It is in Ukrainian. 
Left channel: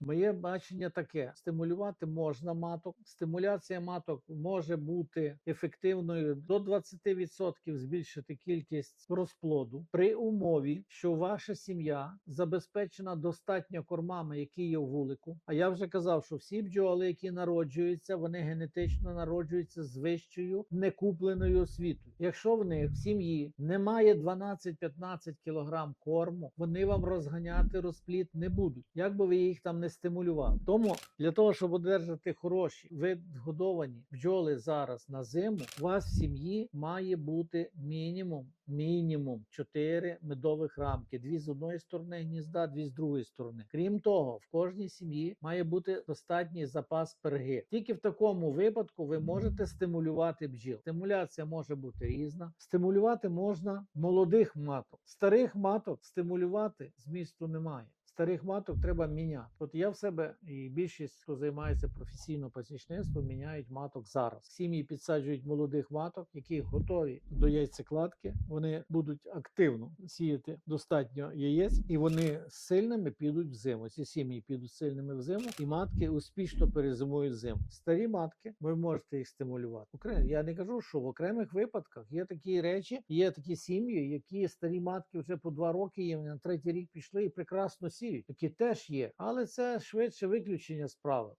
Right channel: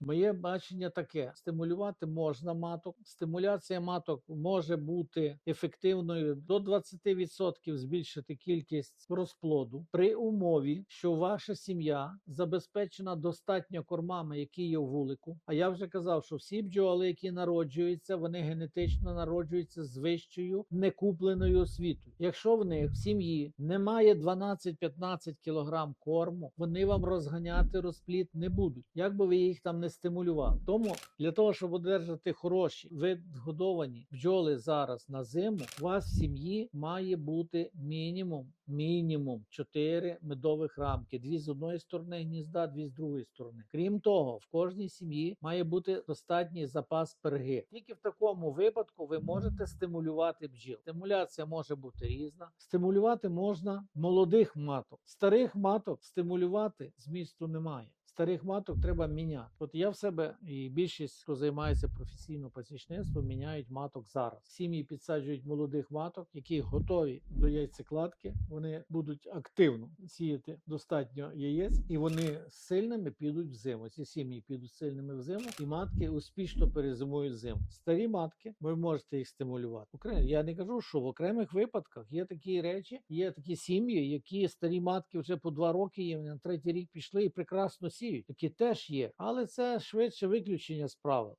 Моє бачення таке: стимулювати можна маток. Стимуляція маток може бути ефективною до 20% збільшити кількість розплоду при умові, що ваша сім'я забезпечена достатньо кормами, які є в вулику. А я вже казав, що всі бджоли, які народжуються, вони генетично народжуються з вищою некупленою освітою. Якщо в них в сім'ї немає 12-15 кілограм корму, вони вам розганяти розплід не будуть, як би ви їх там не стимулювали. Тому для того, щоб одержати хороші видгодовані бджоли зараз на зиму, у вас в сім'ї має бути мінімум мінімум 4 медових рамки: дві з одної сторони гнізда, дві з другої сторони. Крім того, в кожній сім'ї має бути достатній запас перги. Тільки в такому випадку ви можете стимулювати бджіл. Стимуляція може бути різна. Стимулювати можна молодих маток, старих маток стимулювати змісту немає. Старих маток треба міняти. От я в себе і більшість, хто займається професійно пасічництвом, міняють маток зараз. Сім'ї підсаджують молодих маток, які готові до яйцекладки. Вони будуть активно сіяти достатньо яєць, і вони сильними підуть в зиму. Ці сім'ї підуть сильними в зиму, і матки успішно перезимують зиму. Старі матки, ви можете їх стимулювати. Я не кажу, що в окремих випадках є такі речі, є такі сім'ї, які старі матки вже по два роки їм на третій рік пішли і прекрасно сіють. Такі теж є, але це швидше виключення з правил.